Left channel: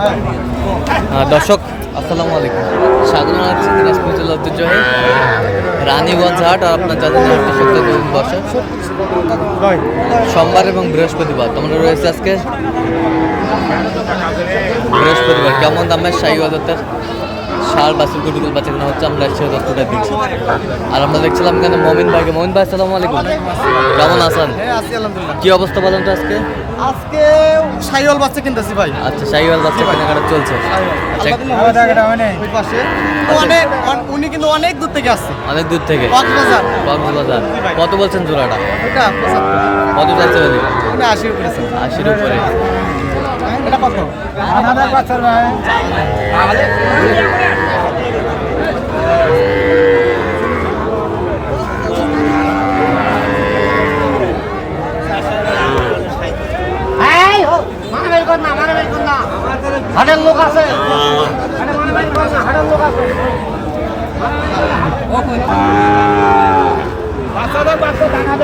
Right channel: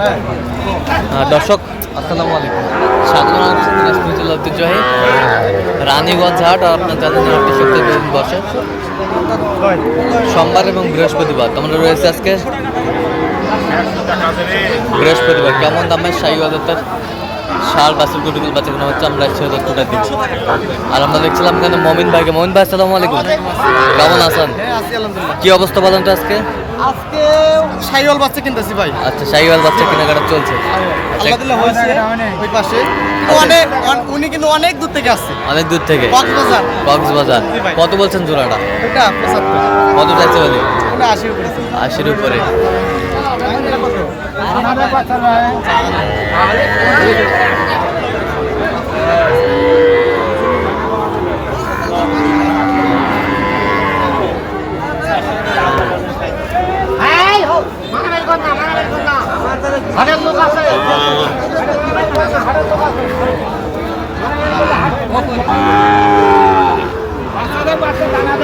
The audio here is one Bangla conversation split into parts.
আহ, দর্শক আসসালামু আলাইকুম। স্বাগত দিনাজপুর জেলা ঐতিহ্যবাহী রানীগঞ্জ হাট আর আপনার জানেন হাটটি সপ্তাহে দুদিন বসে। সোমবার এবং বৃহস্পতিবার তোমরা রয়েছে আজকে বৃহস্পতিবার। কেমন দামে শাহী বাজারটার সার বাসুর গুটুকুল বাচ্চা কেনা হচ্ছে? আমরা সে তথ্যটা দিচ্ছি আর আমরা দেখছিলাম এখানে মমিন ভাইকে। মমিন ভাই আসসালামু আলাইকুম। কেমন আছেন? হ্যাঁ কি অবস্থা বলেন তো আজকে? আজকে সাইওয়াল বাচ্চা কিনতেছি ভাই। আচ্ছা শাহিওয়াল বাচ্চা কেনাকাটা চলছে। আচ্ছা ওই পাশে। অনেক উনি কিন্তু অনেক দূর থেকে আসছে। অনেক দূর থেকে? কক্সবাজার। কক্সবাজার। কত বলছেন জোড়াটা? কত চাইছে বলি আশির উপরে আশির উপরে। কত?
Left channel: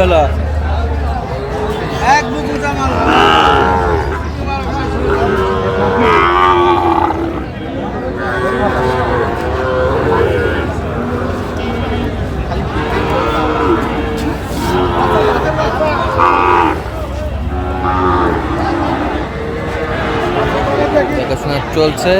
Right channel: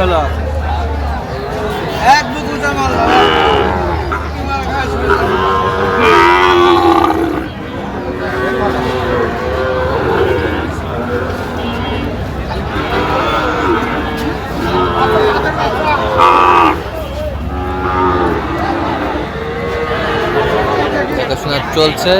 হলো? এক বুকু জামাল চলছে।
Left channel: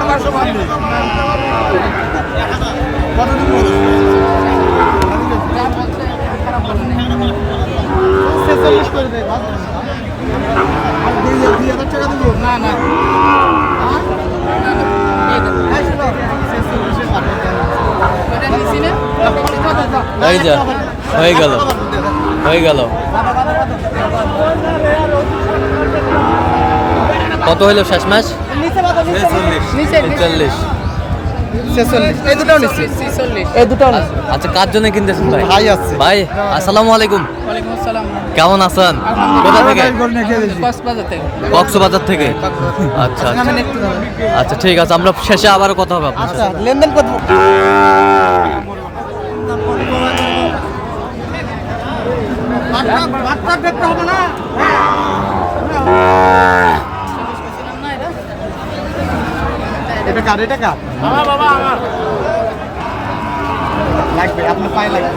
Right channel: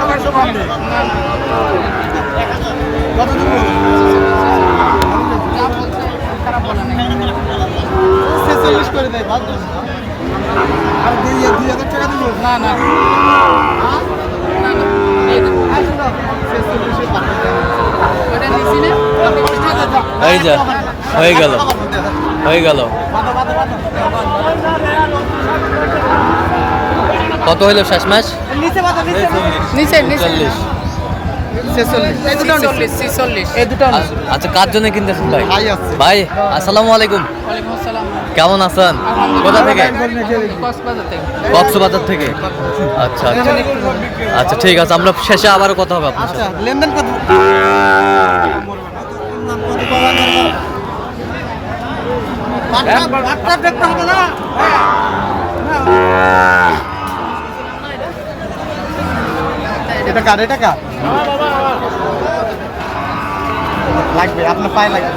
ভাত আর টাকা দিব না না এই যা হয়ে গেল হয়ে গেল। কত হইল শেষ ম্যাচ? নিচে বাতা নিচে নিচে চল্লিশ আচ্ছা কার জন্য কিনতেছেন ভাই? ভাই আসসালামু আলাইকুম। কেমন আছেন? কোথা থেকে? কক্সবাজার থেকে। আচ্ছা আচ্ছা। আচ্ছা ঠিক আছে আমরা শেষে আবারও কথা হবে আপনার আচ্ছা সাথে। লেনদেন দেখতে হবে না এটা কার? এটা কার? লাগবে আপনার পায়ে লাগবে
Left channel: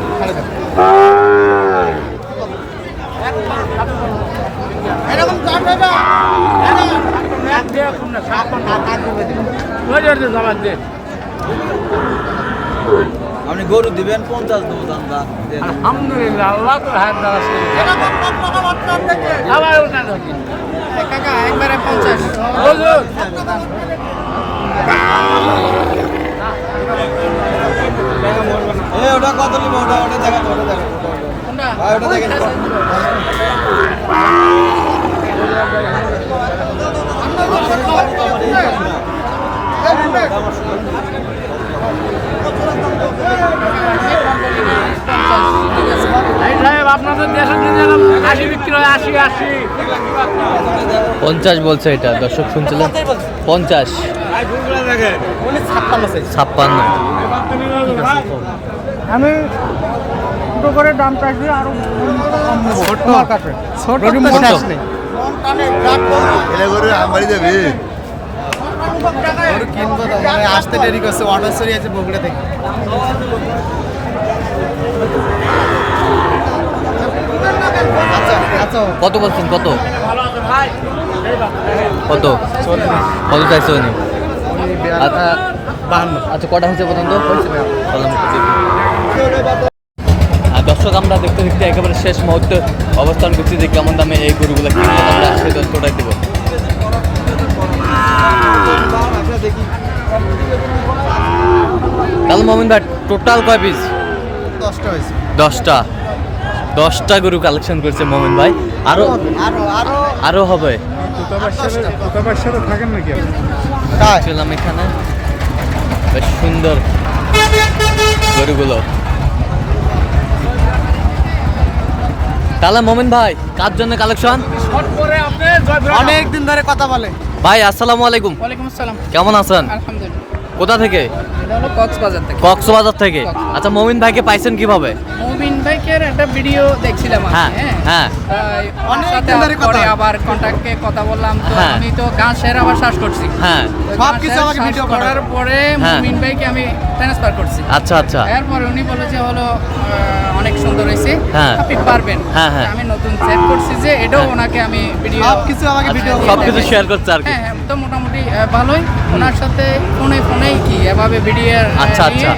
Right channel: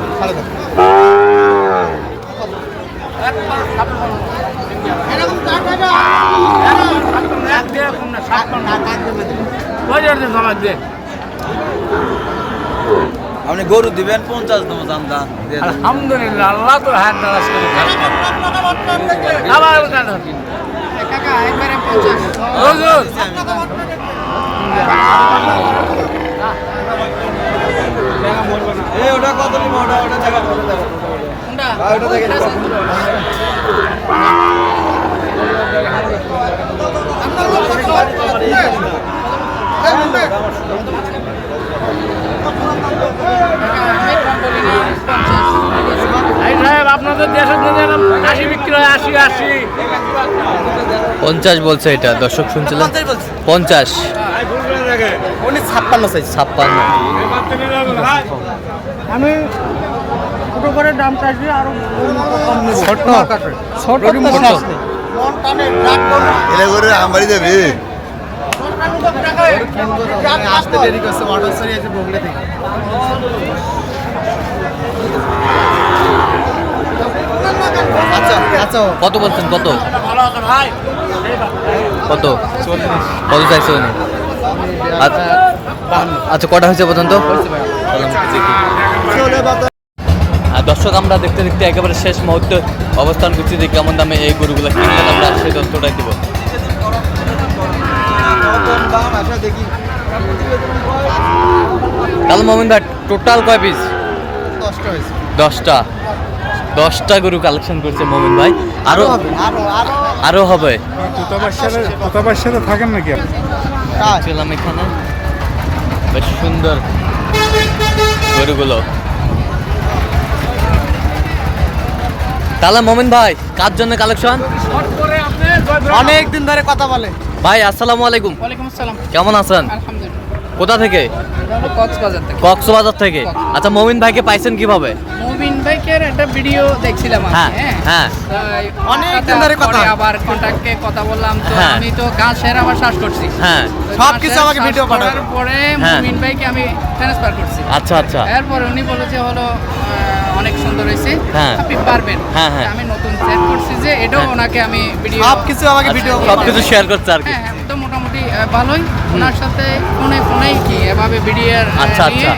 আপনি গরু দিবেন পঞ্চাশ দেবো চান্দা আলহামদুলিল্লাহ আল্লাহ তো হ্যাঁ। কাকা একবারে পঞ্চাশ। এ ওটা কত নিব? ওটা ওটা ভাই আপনাদের দেশের আশি বিক্রি হয় আশি আশি। পঞ্চাশ বলছে এটা দর্শক শুনছিলেন? পঞ্চাশ। ছাপ্পান্ন সাইজ ছাপ্পান্ন। আমি ছোট করে দাম চাইছি আরও কম নেব। ছোট। আসতে দেরি করছে অর্ডার সরি আছে থেকে আচ্ছা আচ্ছা কত বলছেন? কত? কত? কত চাইছে উনি? আচ্ছা আচ্ছা কটা হয়েছে পর্যন্ত? দর্শক আমরা দেখতে দেখতে একেবারে শেষ মুহূর্তে অবস্থান করছি যে কেমন দামে এই গরুগুলো কিনলে আমরা সেই তথ্যটাই দিব। তাহলে মোমিন ভাই টোটাল কয় পিস দশটা হয়েছে। দশটা। দশটা গরু কালেকশন করছে মোমিন ভাই। আরও আরও আরও আরও হবে। থাকেন নাকি ছিলাম এখানে। বেশ সুন্দর গরুগুলো। তাহলে মোমিন ভাই কার জন্য কালেকশন অনেক দিন ধরে কথা বলে। ভাই আসসালামু আলাইকুম। ওয়ালাইকুম আসসালাম। কেমন আছেন? আলহামদুলিল্লাহ। কোথা থেকে? কক্সবাজার থেকে। আচ্ছা মোমিন ভাইকে পাইছেন কীভাবে? মুবিন বাইকের একটা ভিডিও দেখছিলাম আমি হ্যাঁ হ্যাঁ। হ্যাঁ। অনেক কথা। আবার কন্ট্যাক্টে কথা বললাম তো হ্যাঁ। আমি তো শেয়ার আবার সার্চ করছি। হ্যাঁ। সব কিছু আমাকে video করার পরে হ্যাঁ। মুবিন ভাইকে আমি ট্রান্সফার করছি। আচ্ছা আচ্ছা। এরপরে উনি বলেছে হলো অনেক সুন্দর হয়েছে। হ্যাঁ। আপনি পারবেন। হ্যাঁ, হ্যাঁ। আমি নতুন সেট করছি যে এটাও। ওনাকে আমি ভিডিও সব কিছু আমাকে ভিডিও সব কিছু শেয়ার করছে আর কি। তো মোটামুটি আহ, ভালোই। ওনার সাথে ফোনে ফোনেই কি এভাবে ভিডিও আচ্ছা, আচ্ছা।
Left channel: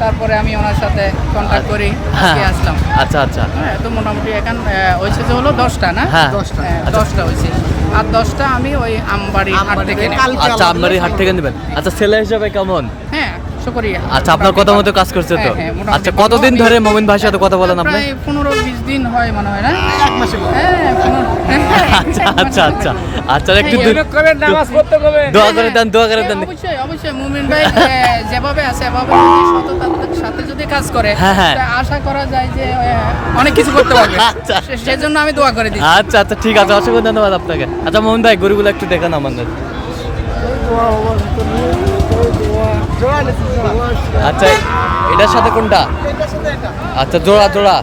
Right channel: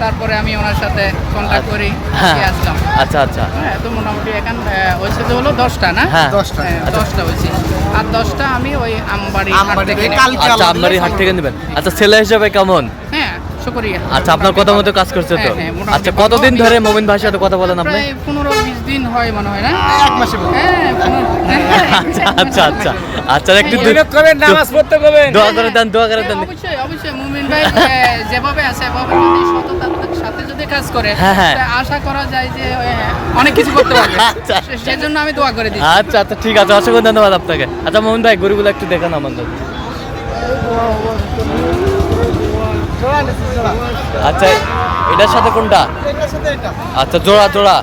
তারপরে আমি ওনার সাথে কন্ট্যাক্ট করি হ্যাঁ। আসলাম। আচ্ছা আচ্ছা। হ্যাঁ তো মোটামুটি এখন হয়েছে যে হলো দশটা না? হ্যাঁ। দশটা। হ্যাঁ, আচ্ছা। দশটা হয়েছে আর দশটা আমি ওই আমবাড়ি হাট থেকে আচ্ছা আমবাড়ি হাট থেকে নেবেন। আচ্ছা ছেলে হিসেবে কেমন? শুকরিয়া আচ্ছা আপনার কথা মতো কাজ করছে তো। হ্যাঁ, হ্যাঁ, আচ্ছা কতদিন ধরে মোমিন ভাইয়ের সাথে কথা বলেন আপনি? পনেরো বিশ দিন হয় মনে হয় না? এক। হ্যাঁ আচ্ছা আচ্ছা আচ্ছা। আচ্ছা একটু নামাজ পড়তে দোয়া করে দেন দোয়া করে দেন। অবশ্যই অবশ্যই মুমিন ভাই যেভাবে আছে এভাবে সততার সাথে যদি কাজ করে হ্যাঁ, হ্যাঁ। আশা করা যায় যে অনেক কিছু করতে পারবে। আচ্ছা। সে- সেজন্য আমি দোয়া করে দিই আচ্ছা আচ্ছা ঠিক আছে অসংখ্য ধন্যবাদ আপনাকে। আচ্ছা মোহন ভাই গরুগুলো একটু দেখান আমাদের। আচ্ছা এটার সাথে কোনটা এটার সাথে এটা। আচ্ছা জোড়া জোড়া।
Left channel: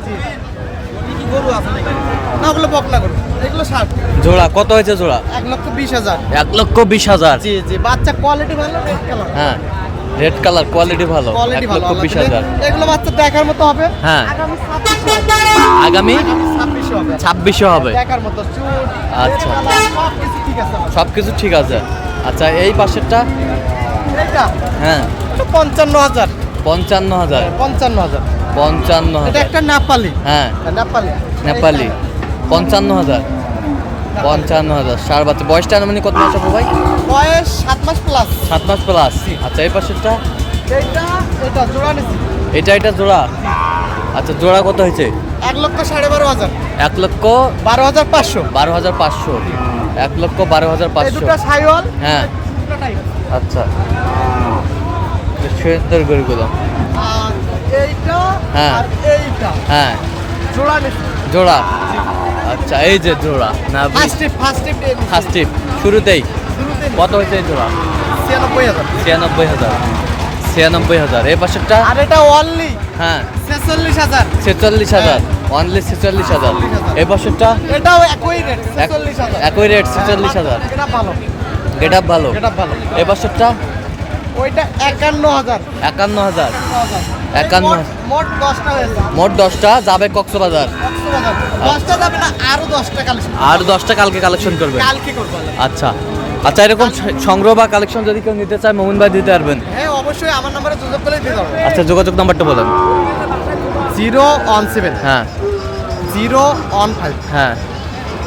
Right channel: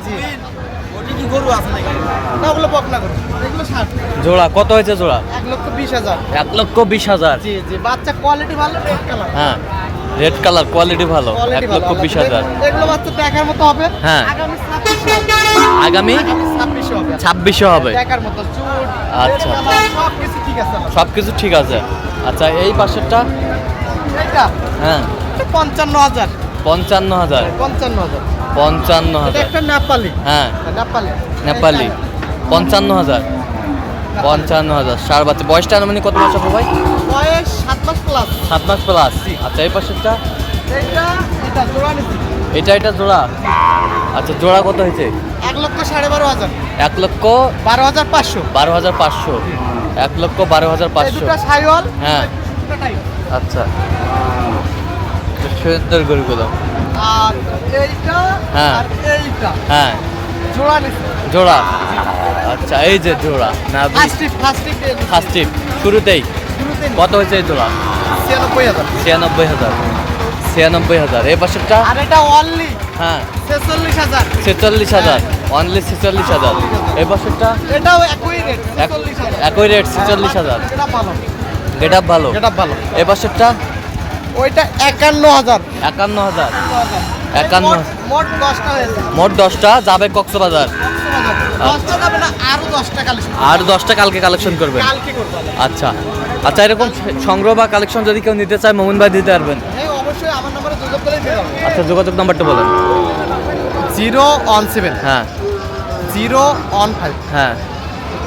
জোড়া কত হয়েছে জোড়া এক লক্ষ বিশ হাজার। এক লক্ষ বিশ হাজার জি, জি, বাচ্চা কোয়ালিটি ভালো রেড কালার হ্যাঁ রেড কালার কোয়ালিটি ভালো এক লক্ষ বিশ হাজার দেখার মতো হবে হ্যাঁ। আগামী ছাব্বিশে হবে আচ্ছা। সব কিছু ঠিক আছে সব কিছু ঠিক আছে আচ্ছা এই পাশেরটা হ্যাঁ। পঞ্চান্ন হাজার। পঞ্চান্ন হাজার। পঞ্চান্ন হাজার। পঞ্চান্ন হাজার। একটা নেপালি। হ্যাঁ। নেপালি। নেপালি। পঞ্চান্ন হাজার। পঞ্চান্ন হাজার। সার বাচ্চা। বয়সটা মানে কত মাস হবে ভাই? বয়স সাত মাস প্লাস সাত মাস প্লাস আচ্ছা এই পাশেরটা? এটা জোড়া এটা জোড়া? আচ্ছা জোড়া কত হয়েছে? এক লক্ষ সাড়ে বারো হাজার। এক লক্ষ বারো হাজার পাঁচশো। বারো হাজার পাঁচশো। এক লক্ষ বারো হাজার পাঁচশো। হ্যাঁ। আচ্ছা। সুন্দর গরুগুলো। হ্যাঁ। হ্যাঁ। জোড়া। আচ্ছা এই যে জোড়া না ফার্স্ট টিপ শুরুতেই। কত হয়েছে এই জোড়া? ছিয়ানব্বই হাজার। ছিয়ানব্বই হাজার। ছিয়ানব্বই হাজার এই পাশেরটা অনলি হ্যাঁ। ছেচল্লিশ হাজার। ছেচল্লিশ হাজার। অনলি ছেচল্লিশ হাজার। এই বছরটা এটাও একই রেট ছেচল্লিশ হাজার। একই রেট ছেচল্লিশ হাজার। এটা ভালো। গেট আপ ভালো। এটা ভালো। এই বছরটা ওইটা একান্ন হাজার। একান্ন হাজার। একান্ন। মোট- দশটা মোট দশটা যাবে কক্সবাজার। আরও দশটা কালকে কালেকশন করবেন? আচ্ছা। আচ্ছা এরকম সংগ্রহ বা কালেকশন যদি কেউ নিতে চায় মোমিন ভাই দিতে পারবেন। আচ্ছা যোগাযোগ নাম্বারটা বলেন। Zero one seven. হ্যাঁ। Zero one five. হ্যাঁ।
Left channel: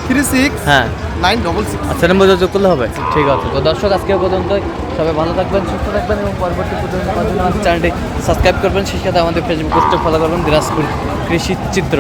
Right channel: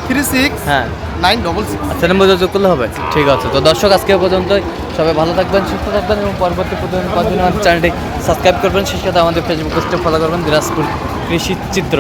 থ্রি সিক্স হ্যাঁ। Nine double six. আচ্ছা নম্বর যোগাযোগ করলে হবে। ঠিক আছে তো দর্শক আজকে পর্যন্ত সবাই ভালো থাকবেন সুস্থ থাকবেন এবং পরবর্তী পর্যন্ত আমাদের চ্যানেলটি সাবস্ক্রাইব করবেন। সেই সাথে আমাদের ফেসবুক পোস্টে ফলো করবেন দিনাজপুর কৃষি চিত্র।